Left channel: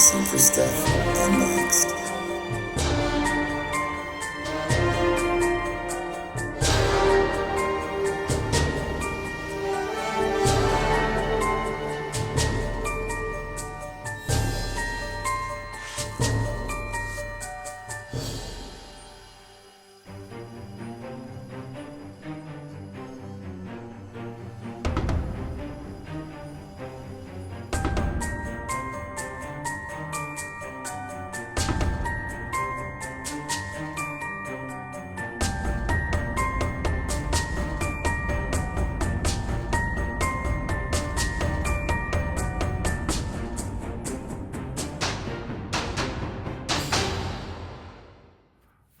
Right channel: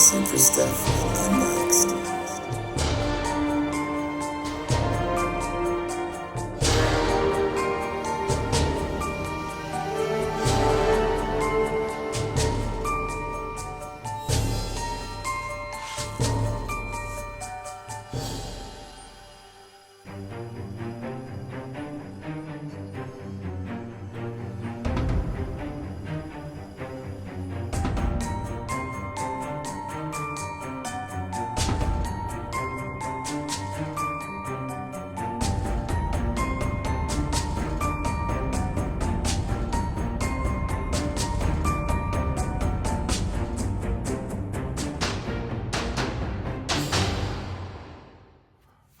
Super Stuff Unboxed.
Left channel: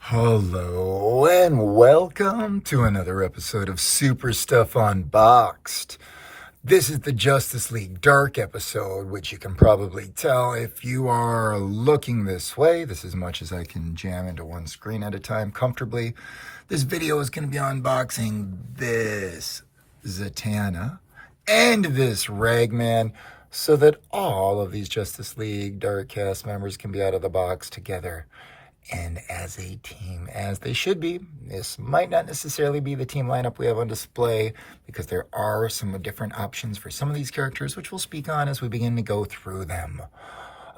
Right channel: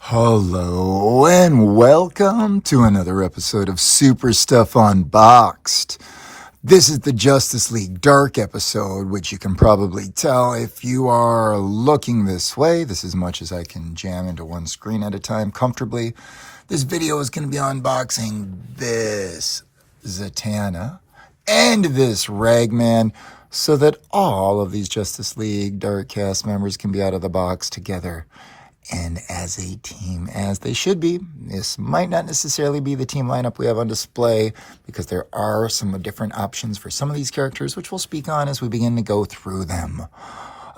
Hello and welcome to another episode of Super Stuff Unboxed. This is the Justice League Dark episode, which you can probably tell if you are looking this way. This is as much as I can jam into one screen at a time comfortably. This video is going to be unboxing this Zatanna and this Ragman so that all of these Justice League Dark cast members can be out of the box together and as a team, as they should be. This might not necessarily be the team lineup we have on display because there are some different options for some of these characters, which we'll speak on as we begin to go through them.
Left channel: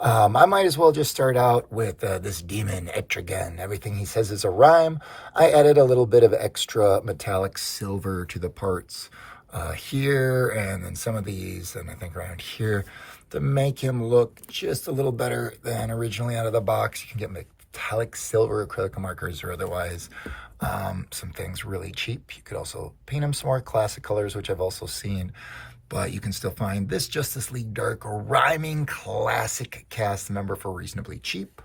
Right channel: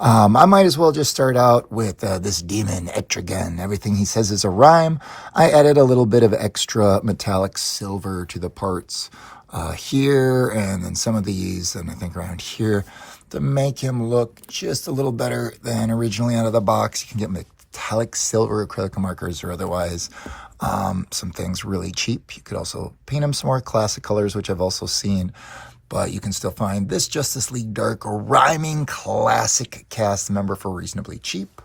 I might as well just start out with this demon, Etrigan. Everything he says is a rhyme. I added a little bit of extra metallic silver to the parts here, and then some of these, and I think around here, to make him look just a little better than originally out of the box. You can get metallic silver acrylic markers or otherwise some things really cheap. You could also paint them some more classic colors, which I've also seen, but you can still find this Justice League Dark rhyming classic cast member for reasonably cheap.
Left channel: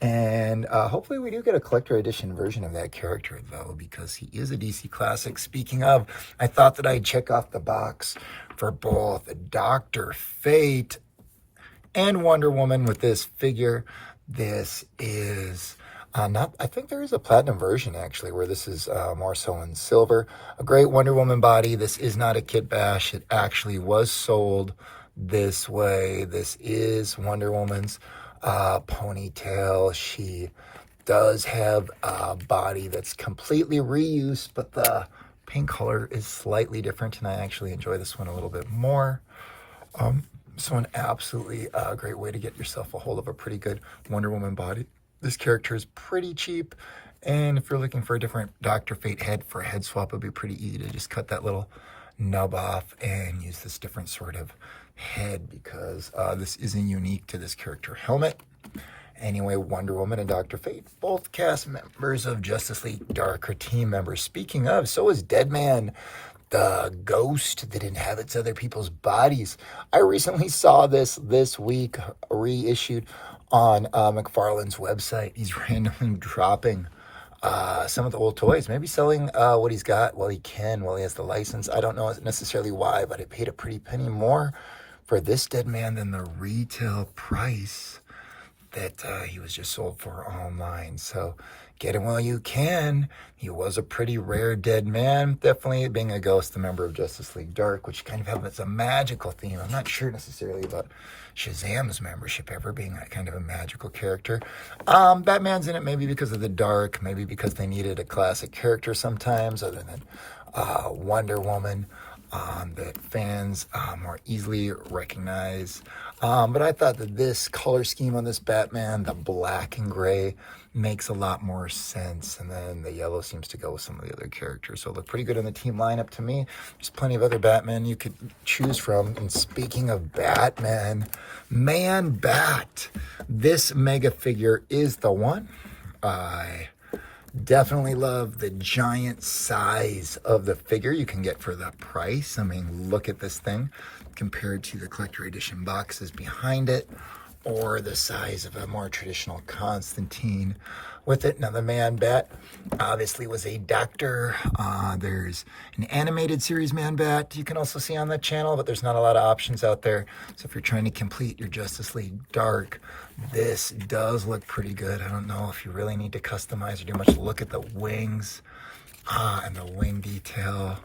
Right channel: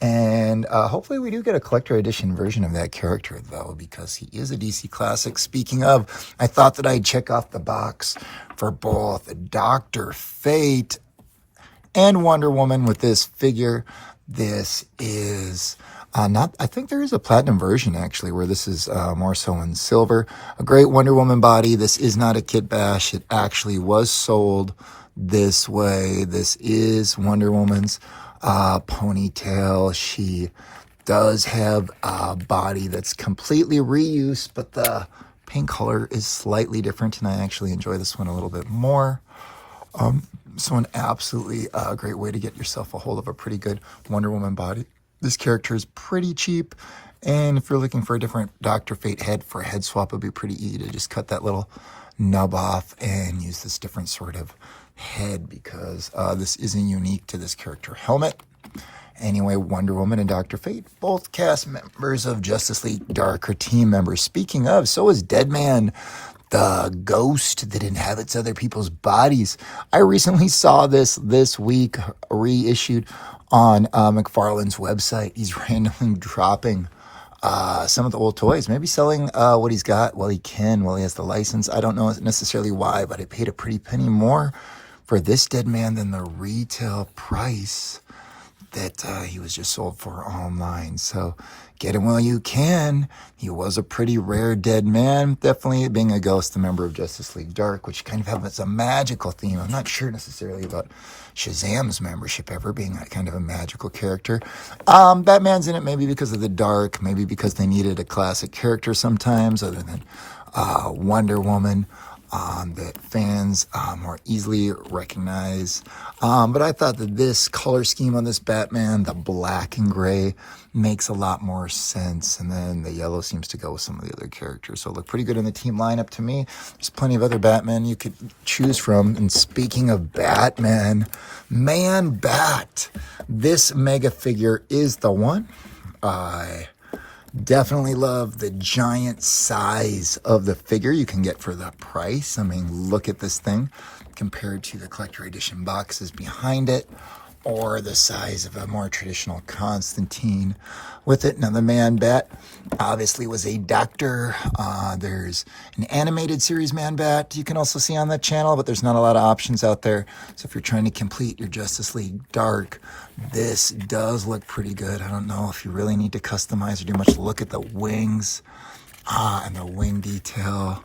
And hopefully we do get a collector edition version of that character, though, because he is a DC classic. Speaking of, I thought that I'd check off the box for both Dr. Fate and Wonder Woman with this figure. This is I think there is a platinum version actually where this is more so in silver. A great Wonder Woman body. This is not a kit bash. It actually was sold this way. This is Wonder Woman's ponytail. She does have a body that's completely reused, but the paint color is slightly different, and I actually enjoy this one a little bit more. So an absolutely great way to get yourself a hold of a pretty good Wonder Woman body. This character is pretty cheap, and if you're looking for a different Dr. Fate head for a head swap, it would be pretty easy to just cut that little nub off and use this different sort of head, because this isn't unique to this character helmet. Anyway, Wonder Woman and Dr. Fate, both cast members of Justice League Dark, or team members. Speaking of, so is Deadman, the ghost that inhabits other people's bodies. I recently saw this week reissued on McFarlane's website. He's randomly dropping some of the old toys, maybe selling what he's got while he can, while he has the license. I don't know necessarily why, but I paid a pretty penny more for this Deadman than the retail price that he was just sold for online. So get him while you can. He was a pretty rare dead man, definitely being a ghost, a member of Justice League Dark, which kind of has a magical theme. I'm not sure necessarily about Shazam's membership ever being that kind of a magical character. Batman's in it maybe because of the Dark, maybe because they needed a classic character sometimes, other than Wonder Woman, that fans more easily recognize. But I thought that this color scheme on this Batman, the black and gray, makes a lot more sense. And then the yellow seems to go with some of the other characters. So it looked pretty good in the team lineup to me. There's plenty of other Batman you could choose from. And speaking of Batman, Man Bat, this mega figure is the one. I definitely love the giant size of the figure you can get for that price. I mean, look at this thing compared to the collector edition boxes behind it, or the size of a more traditional Constantine with it. Now, the Man Bat obviously was a doctor. There's an animated series Man Bat you can also see on that channel, but there's not a lot of options out there. So if you're trying to complete your Justice League Dark, this does look pretty good. I don't know if you really need to customize or do much. Look at the wings and the wing detail.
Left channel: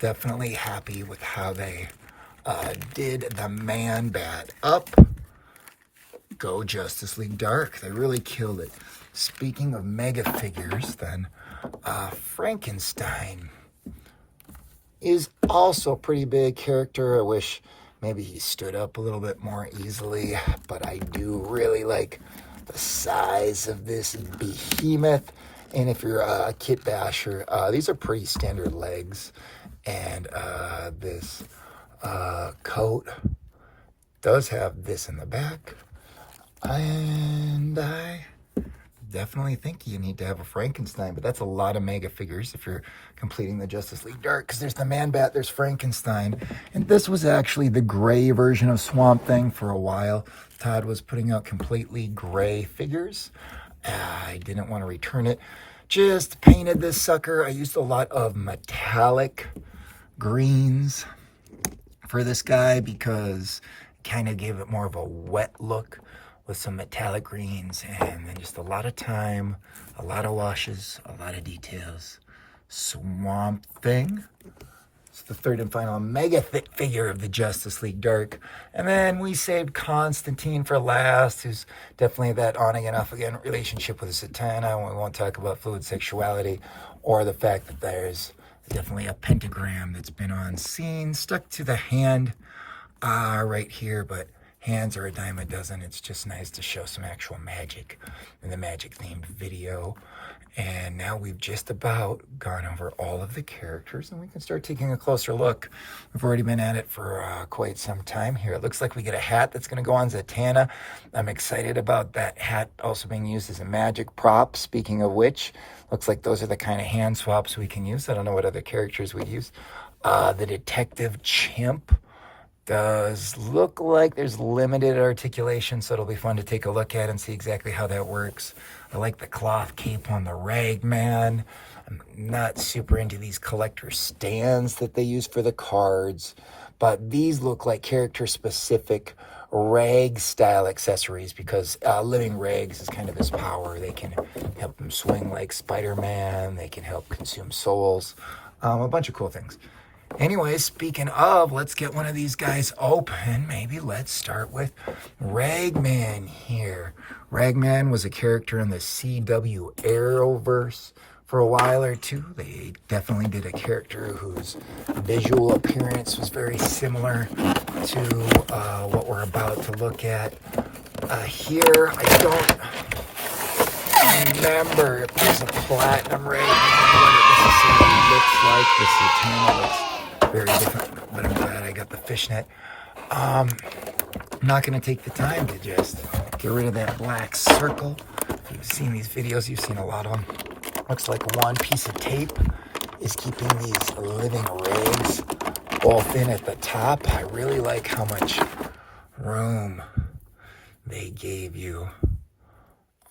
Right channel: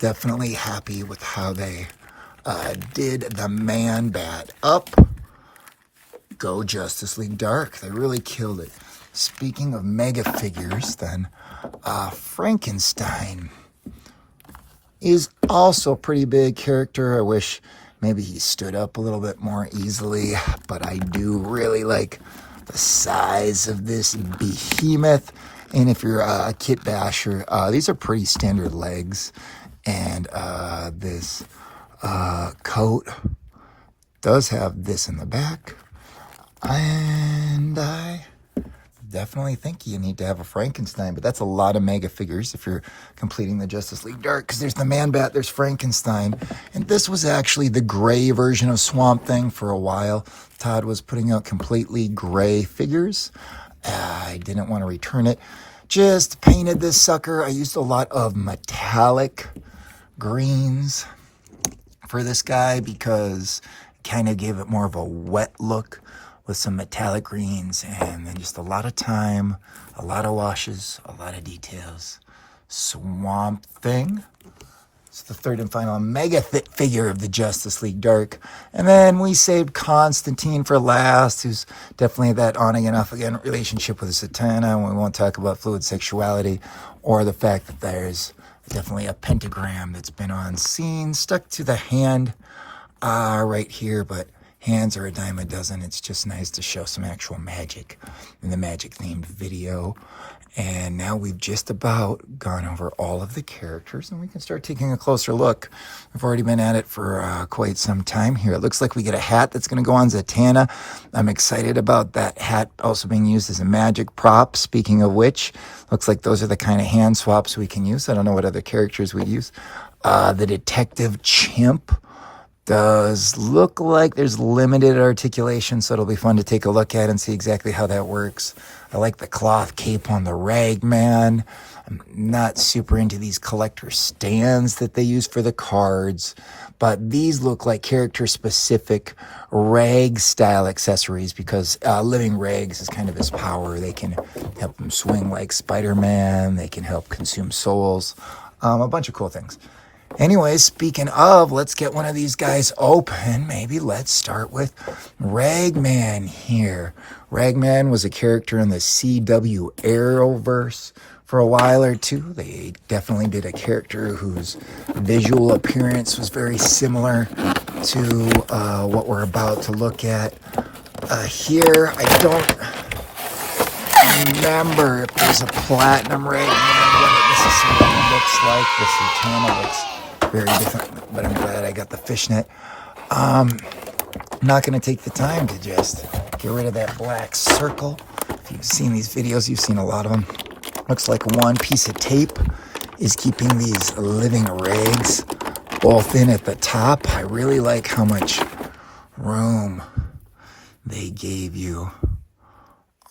Definitely happy with how they did the Man Bat up. Go Justice League Dark. They really killed it. Speaking of mega figures, then, Frankenstein is also a pretty big character. I wish maybe he stood up a little bit more easily, but I do really like the size of this behemoth. And if you're a kit basher, these are pretty standard legs. And this coat does have this in the back. And I definitely think you need to have a Frankenstein, but that's a lot of mega figures if you're completing the Justice League Dark, because there's the Man-Bat, there's Frankenstein, and this was actually the gray version of Swamp Thing for a while. Todd was putting out completely gray figures. I didn't want to return it. Just painted this sucker. I used a lot of metallic greens for this guy because it kind of gave it more of a wet look with some metallic greens, and then just a lot of time, a lot of washes, a lot of details. Swamp Thing. It's the third and final mega figure of the Justice League Dark. And then we saved Constantine for last, who's definitely that on-again, off-again relationship with Zatanna. We won't talk about fluid sexuality or the fact that there's definitely a pentagram that's been on scene, stuck to the hand right here, but hands are a dime a dozen. It's just nice to show some actual magic in the magic-themed video. And now we've just about gone over all of the characters, and we can start taking a closer look. We've already been at it for quite some time here. It looks like we get a hat that's going to go on Zatanna. I'm excited about that hat also being used as a magic prop. Speaking of which, looks like those are the kind of hand swaps we can use. I don't know what other characters we'd use. The Detective Chimp does look like there's limited articulation, so it'll be fun to take a look at and see exactly how that works. I like the cloth cape on the Ragman. I'm not super into these collector stands that they use for the cards, but these look like character-specific rag-style accessories because living rags is kind of his power. They can help him swing like Spider-Man. They can help consume souls. A bunch of cool things. Anyways, speaking of, let's get one of these guys open. Maybe let's start with Ragman here. Ragman was a character in the CW Arrowverse for a while or two. They definitely did a character whose visual appearance was very similar to what we're about to look at here. I don't remember if there's a platinum Ragman necessarily looks like. The Zatanna looks very different, but I'm glad I got the fishnet. I'm not going to take the time to just get rid of that black circle. If you've seen these videos, you've seen a lot of them. Looks like one piece of tape is keeping these living rags both in at the top. I really like how much room they gave you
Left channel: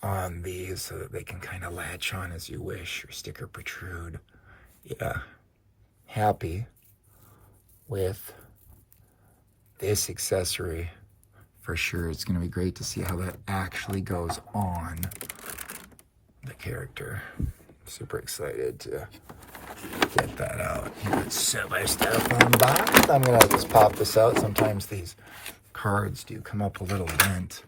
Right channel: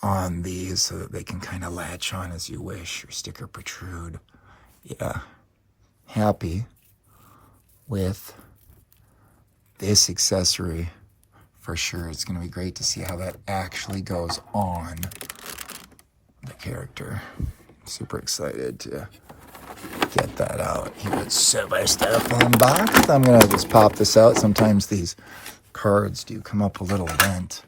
on these so that they can kind of latch on as you wish or stick or protrude. Yeah, happy with this accessory for sure. It's going to be great to see how that actually goes on the character. Super excited to get that out here at Super Stuff Unboxed. I'm going to just pop this out. Sometimes these cards do come up a little bent.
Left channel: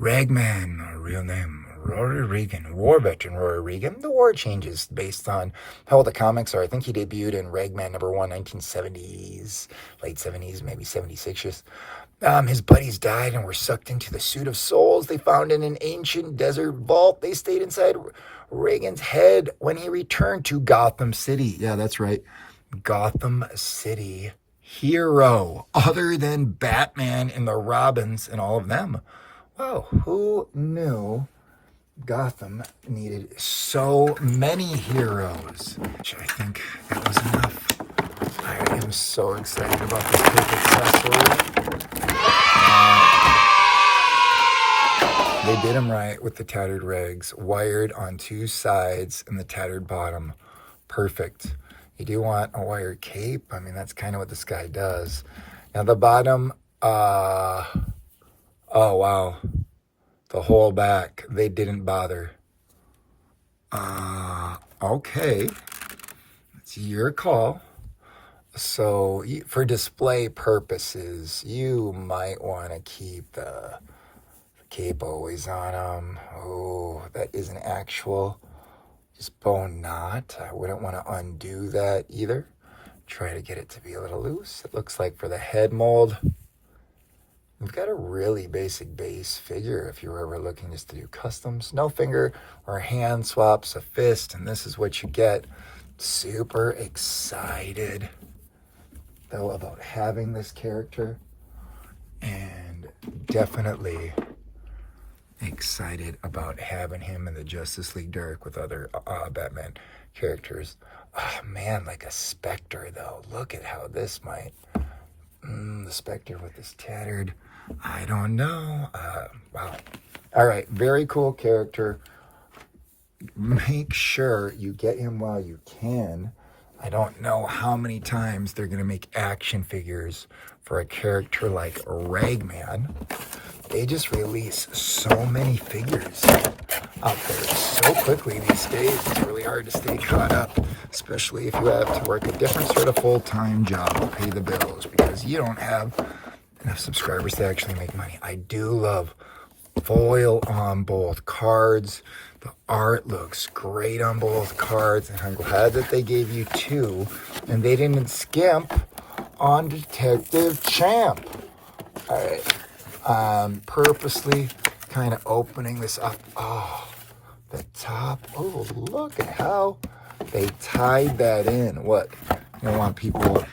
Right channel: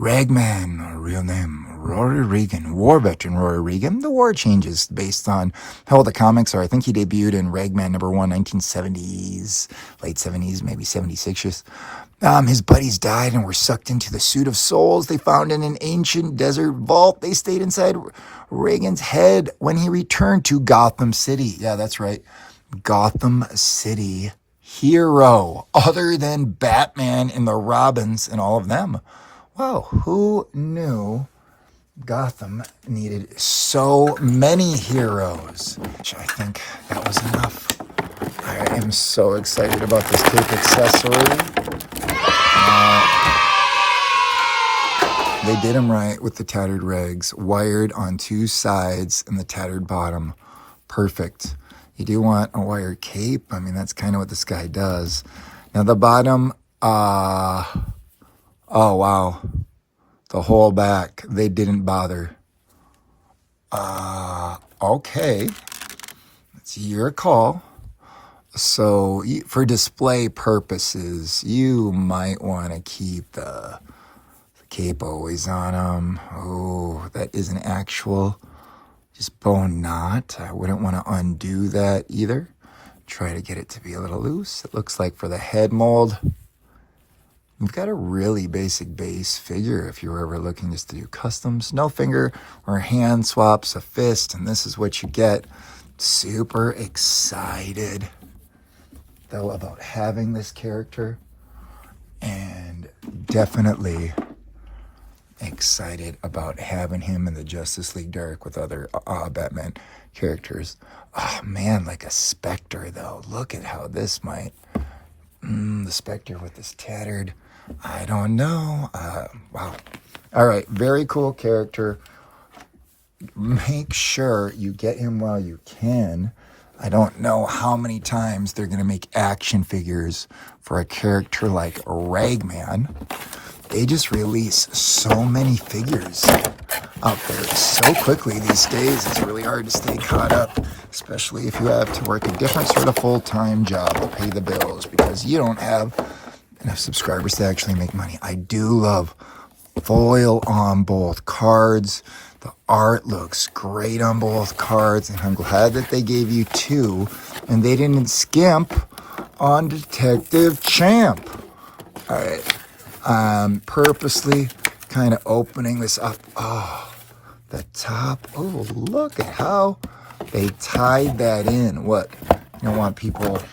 Ragman, real name, Rory Regan, war veteran Rory Regan. The war changes based on how old the comics are. I think he debuted in Ragman #1, 1970s, late 70s, maybe 76-ish. His buddies died and were sucked into the suit of souls they found in an ancient desert vault. They stayed inside Reagan's head when he returned to Gotham City. Yeah, that's right. Gotham City hero, other than Batman and the Robins and all of them. Wow, who knew Gotham needed so many heroes? I think that was enough. I am so excited about this tape accessory. They did them right with the tattered rags, wired on two sides and the tattered bottom. Perfect. You do want a wired cape. I mean, that's kind of what this guy does. Now the bottom, oh, wow. The whole back, they didn't bother. Okay. It's your call. So, for display purposes, you might want to keep the Cape always on him. Oh, that is an actual just bone knot. I wouldn't want to undo that either. Try to get it to be a little loose. It looks like for the head mold, we've got a really basic base figure if you were ever looking just to do customs. No finger or hand swaps, a fist, and this is what you get. Super excited though about having this character, and definitely excited about having him in the Justice League Dark with other Batman characters. Oh man, like a Spectre though. Look at how this might... the Spectre with this tattered... I don't know. Wow. All right, very cool character. Make sure you get him while you can. I don't know how many times they're going to make action figures for a character like Ragman. They just release so many figures so quickly these days. It's really hard to stay caught up, especially if you have to work a different sort of full-time job to pay the bills because you don't have enough subscribers to actually make money. I do love foil on both cards. The art looks great on both cards, and I'm glad that they gave you two and they didn't skimp on Detective Champ. All right, purposely kind of opening this up. Oh, the top. Oh, look at how they tied that in. What? You want people...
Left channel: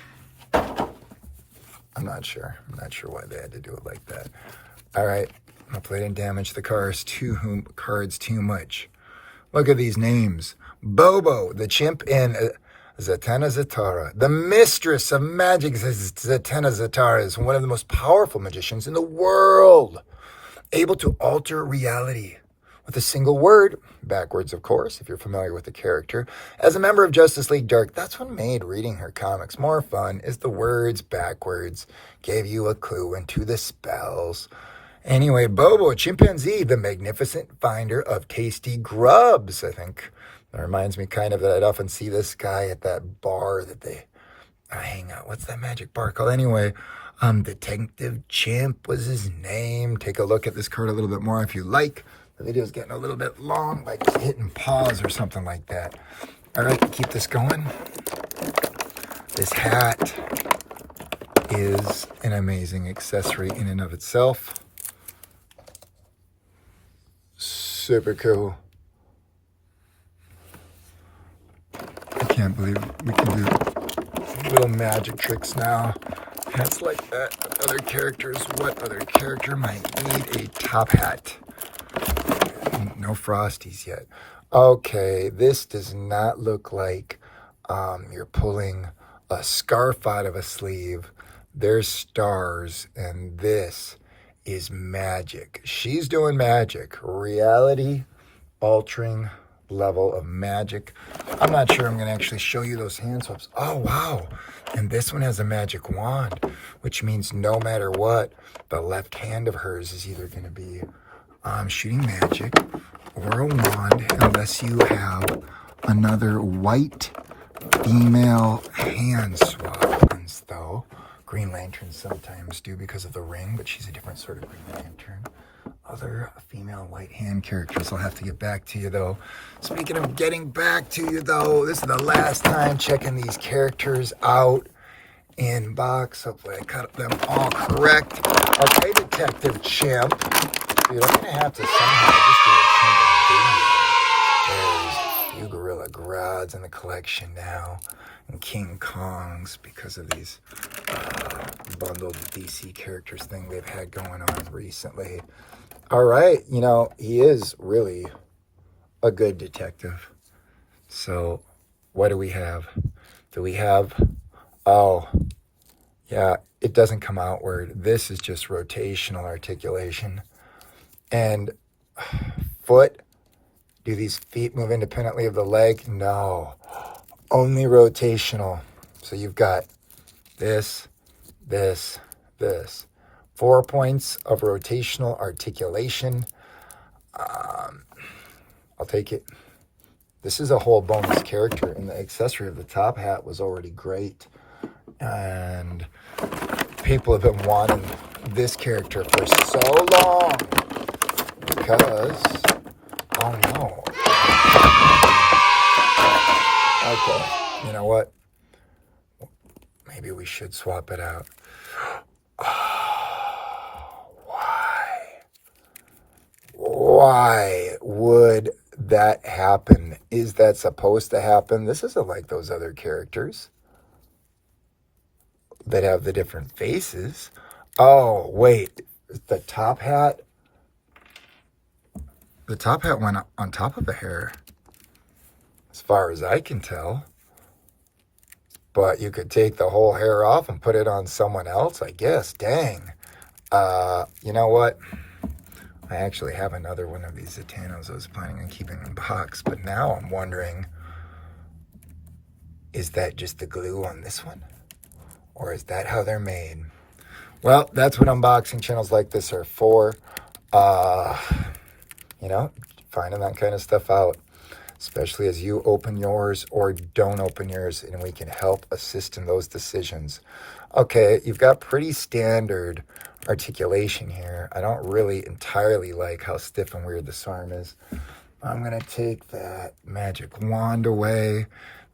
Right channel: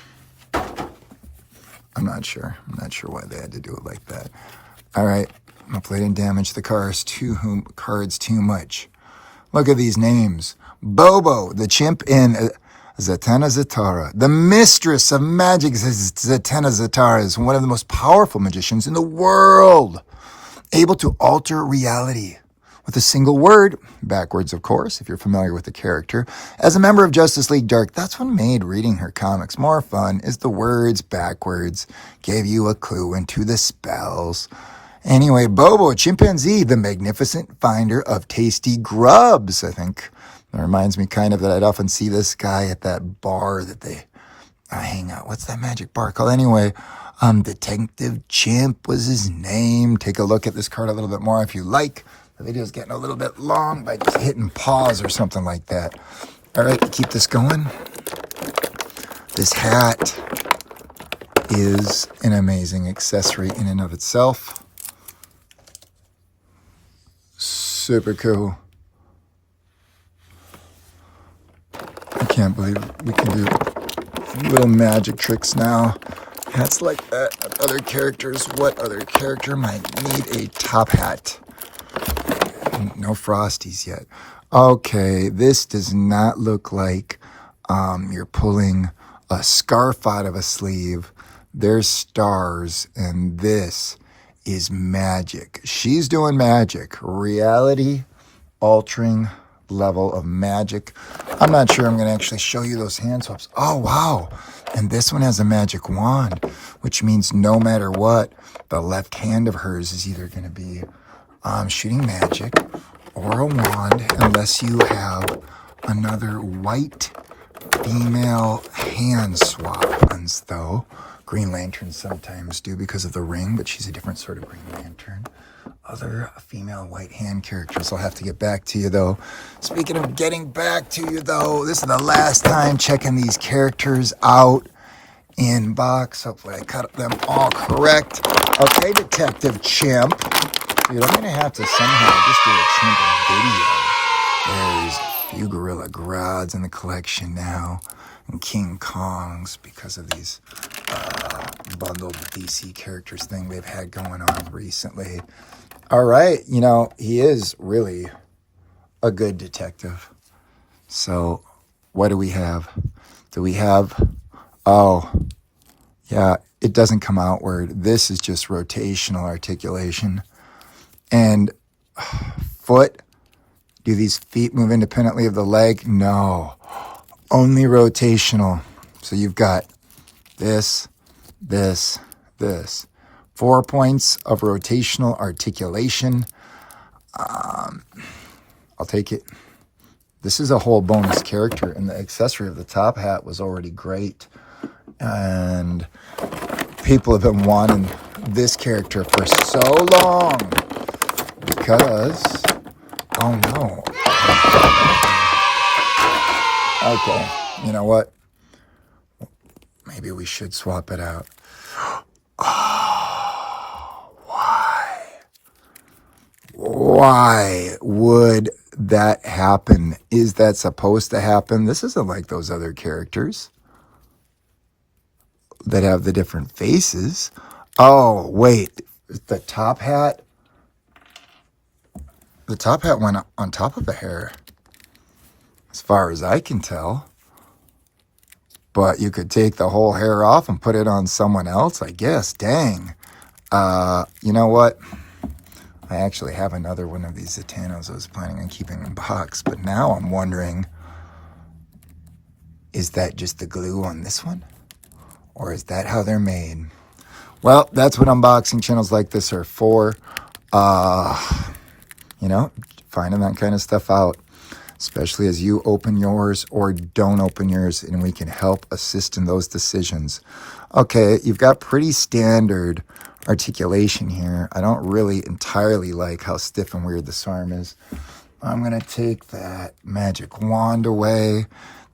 I'm not sure why they had to do it like that. All right, hopefully I didn't damage the cards too much. Look at these names. Bobo, the chimp in Zatanna Zatara. The mistress of magic, Zatanna Zatara, is one of the most powerful magicians in the world, able to alter reality with a single word, backwards of course, if you're familiar with the character. As a member of Justice League Dark, that's what made reading her comics more fun, is the words backwards gave you a clue into the spells. Anyway, Bobo, a chimpanzee, the magnificent finder of tasty grubs. I think it reminds me kind of that I'd often see this guy at that bar that they hang out. What's that magic bar called? Anyway, Detective Chimp was his name. Take a look at this card a little bit more if you like. The video's getting a little bit long by just hitting pause or something like that. All right, keep this going. This hat is an amazing accessory in and of itself. Super cool. I can't believe we can do little magic tricks now. Hats like that. Other characters, what other character might need a top hat? No Frosties yet. Okay, this does not look like you're pulling a scarf out of a sleeve. There's stars, and this is magic. She's doing magic. Reality altering level of magic. I'm not sure I'm going to actually show you those hand swaps. Oh, wow. And this one has a magic wand, which means no matter what, the left hand of hers is either going to be shooting magic or a wand, unless you have another white female hand swap ones, though. Green Lanterns sometimes do because of the ring, but she's a different sort of Green Lantern. Other female white hand characters, I'll have to get back to you, though. Speaking of getting back to you, though, this is the last time checking these characters out in box. Hopefully I cut them all correct. Okay, Detective Chimp. You're going to have to somehow just do a Chimp video. There's a few Gorilla Grods in the collection now, and King Kongs, because of these bundled DC characters thing they've had going on recently. All right, you know, he is really a good detective. So what do we have? Do we have, oh, yeah, it doesn't come outward. This is just rotational articulation. And foot, do these feet move independently of the leg? No, only rotational. So you've got this, this, this. 4 points of rotational articulation. I'll take it. This is a whole bonus character, and the accessory of the top hat was already great. And people have been wanting this character for so long. because, oh no. Okay, you know what? Maybe we should swap it out. Oh, why? Why would that happen? Is that supposed to happen? This isn't like those other characters that have the different faces. Oh, wait. The top hat? The top hat went on top of the hair, as far as I can tell. But you could take the whole hair off and put it on someone else, I guess. Dang. You know what? I actually have another one of these Zatannas I was planning on keeping in box, but now I'm wondering, is that just the glue on this one? Or is that how they're made? Well, that's what unboxing channels like this are for. You know, finding that kind of stuff out, especially as you open yours or don't open yours, and we can help assist in those decisions. Okay, you've got pretty standard articulation here. I don't really entirely like how stiff and weird this arm is. I'm going to take that magic wand away.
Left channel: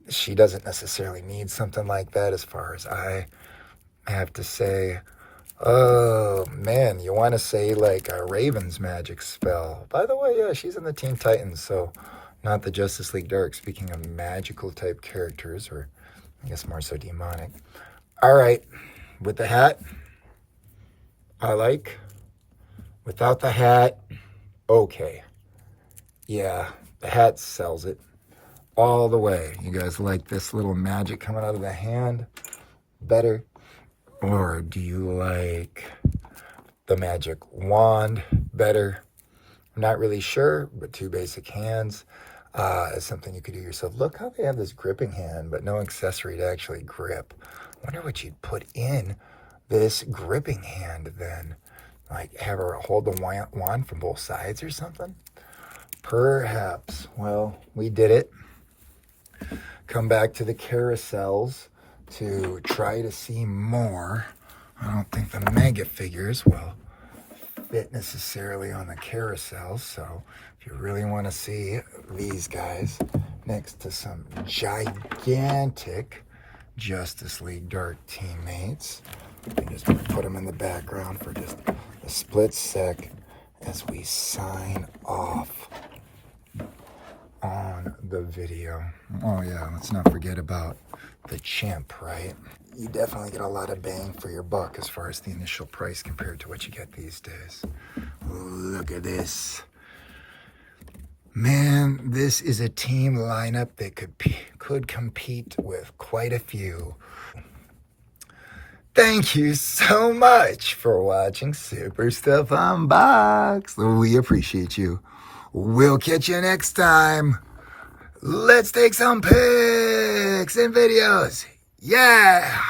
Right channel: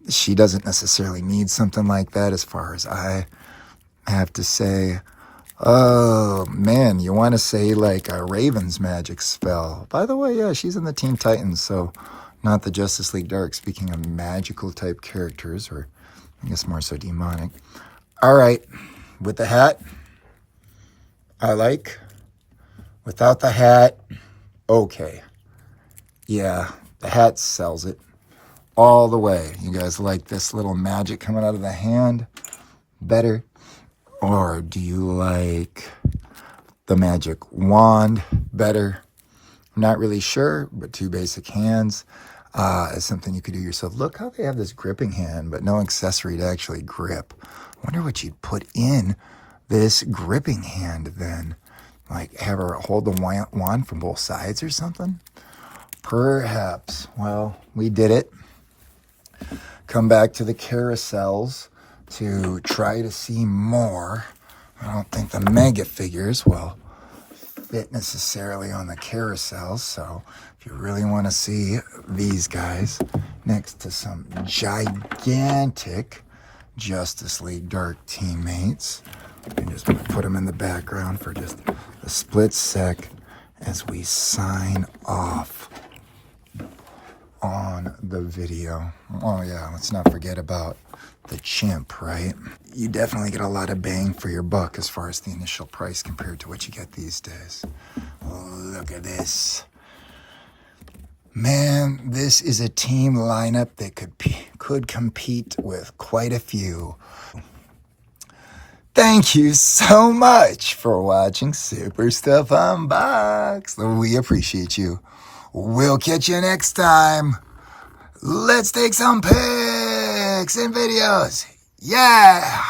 She doesn't necessarily need something like that as far as I have to say. Oh, man, you want to say like a Raven's magic spell. By the way, yeah, she's in the Teen Titans, so not the Justice League Dark. Speaking of magical type characters, or I guess more so demonic. All right, with the hat, I like. Without the hat, okay. Yeah, the hat sells it all the way. You guys like this little magic coming out of the hand better? Or do you like the magic wand better? I'm not really sure, but two basic hands is something you could do yourself. Look how they have this gripping hand, but no accessory to actually grip. I wonder what you'd put in this gripping hand then. Like have her hold the wand from both sides or something? Perhaps. Well, we did it. Come back to the carousels to try to see more. I don't think the mega figures will fit necessarily on the carousel, so if you really want to see these guys next to some gigantic Justice League Dark teammates, we just put them in the background for just a split sec as we sign off on the video. Oh yeah, let's not forget about the chimp, right? You definitely get a lot of bang for your buck as far as the initial price compared to what you get these days. Look at this. Man, this is a team lineup that could compete with quite a few. Thank you so much for watching Super Stuff Unboxed. We appreciate you. We'll catch you next time. Let's take some pics and videos. Yeah!